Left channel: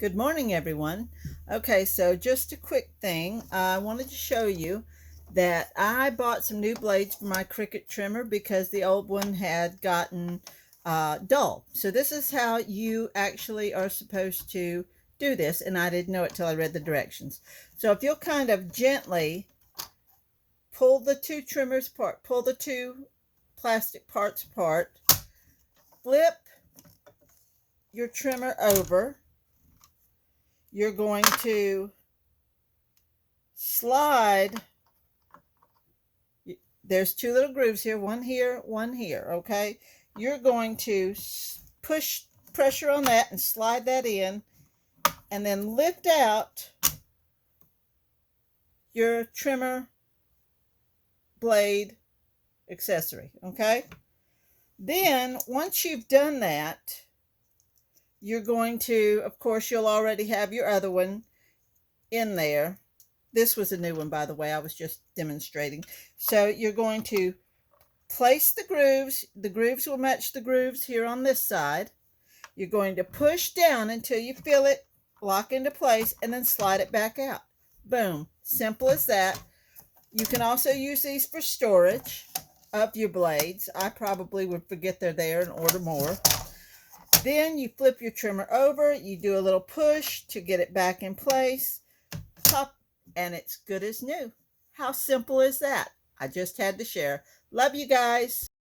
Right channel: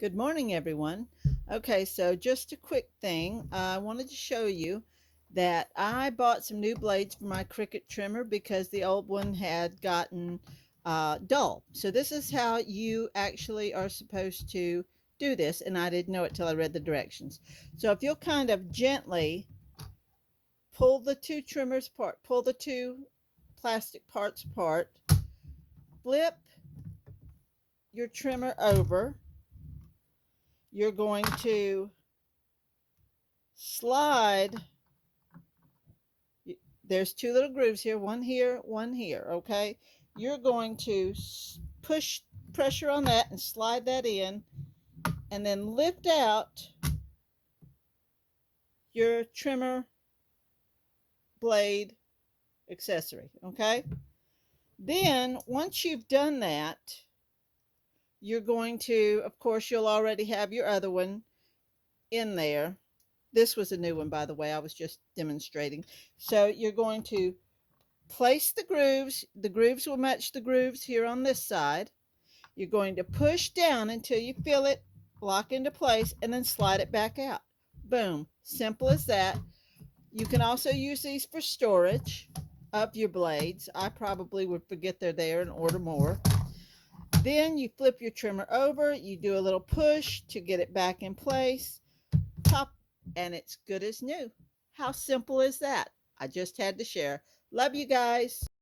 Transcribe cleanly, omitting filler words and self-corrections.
Good morning, everyone. Okay, so just a quick thing. I wanted to show you that I bought some new blades for my Cricut trimmer because the old one had gotten dull. So this is how you actually are supposed to do this, and I didn't know it till I read the directions. So if you'll kind of gently pull the two trimmers apart, pull the two plastic parts apart, flip your trimmer over, you're going to slide. There's two little grooves here, one here, okay? You're going to push pressure on that and slide that in, and then lift out your trimmer blade accessory, okay? Then once you've done that, you're going to, of course, you'll already have your other one in there. This was a new one, by the way. I was just demonstrating. So you're going to place the grooves. The grooves will match the grooves here on this side. You're going to push down until you feel it lock into place and then slide it back out. Boom. Simple as that. You can also use these for storage of your blades. I probably would forget they're there and order more. Then you flip your trimmer over. You do a little push to get it back in place. Pop, and it's good as new. How simple is that? I just had to share. Love you guys.